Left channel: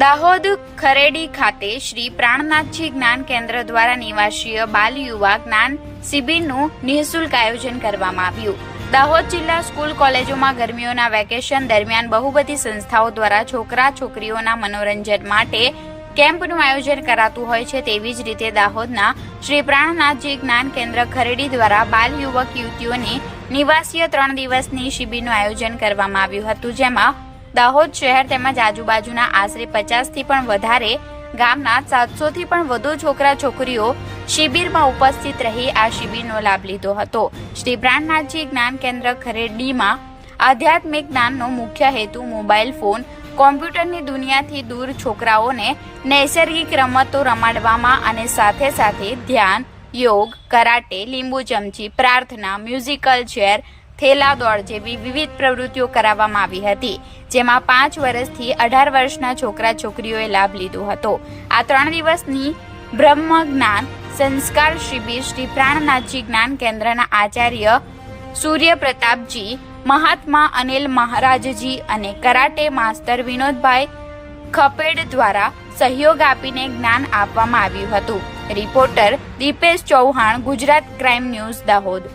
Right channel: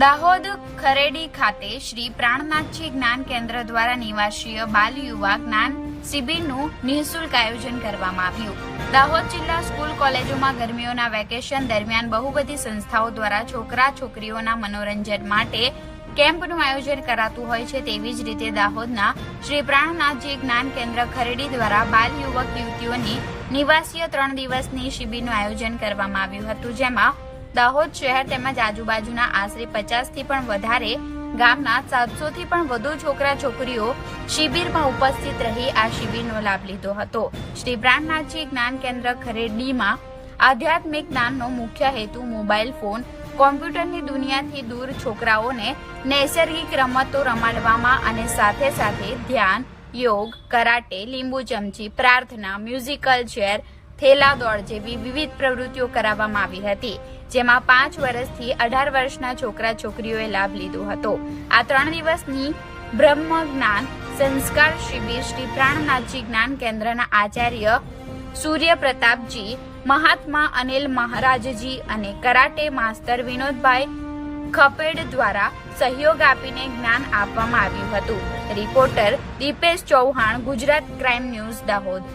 દાહોદ ખરેડી ખાતે શ્રી પ્રાણનાથજી જ્ઞાન કેન્દ્ર દ્વારા નિવાસીય બાલ યુવા જ્ઞાન શિબિરનું નિઃશુલ્ક આયોજન કરવામાં આવ્યું। દાહોદ જિલ્લા સ્કૂલ કોલેજોમાં ગરમીઓના વેકેશન દરમિયાન બહુબધી સંસ્થાઓ દ્વારા છોકરા છોકરીઓના મનોરંજન માટે કેમ્પનું આયોજન કરાતું હોય છે। તેવી જ રીતે દાહોદના શ્રી પ્રાણનાથજી જ્ઞાન કેન્દ્ર ખરેડી દ્વારા બાલ યુવક યુવતીઓની નિવાસીય 3 દિવસની શિબિરનું આયોજન કરવામાં આવ્યું હતું, જેમાં દાહોદ શહેર તેમજ આજુબાજુના આશરે 50 થી પણ વધારે ગામના 700 થી પણ વધુ છોકરા છોકરીઓ શિબિરમાં ઉપસ્થિત રહી આ શિબિરનો લાભ લીધો હતો। શ્રી પ્રાણનાથજી જ્ઞાન કેન્દ્ર ખરેડીમાં આધ્યાત્મિક જ્ઞાનનો મુખ્ય હેતુ મોબાઈલ ફોન કોમ્પ્યુટરની દુનિયાથી દૂર છોકરાઓને નૈસર્ગિક રમતો રમાડવામાં અને સાથે સાથે ધ્યાન, યોગ, કરાટે, લીંબુ ચમચી, પ્રાર્થના, મ્યુઝિકલ ચેર, થેલા દોડ જેવી વિવિધ પ્રવૃત્તિઓ કરાવવામાં આવી હતી, જેમાં 5 વર્ષથી 18 વર્ષના છોકરા છોકરીઓએ લાભ લીધો હતો। આ 3 દિવસની બ્રહ્મ જ્ઞાન સંસ્કાર શિબિર શ્રી પ્રાણનાથજી જ્ઞાન કેન્દ્રના આચાર્ય સૂર્ય પ્રતાપજી, મહાત્મા અનિલ મહારાજજી અને કરાટે માસ્ટર વિનોદભાઈ ખપેડ દ્વારા સહયોગ આપીને જ્ઞાન આપવામાં આવ્યું હતું। Reporter Dipesh Chauhan, Gujarat crime news, Dahod.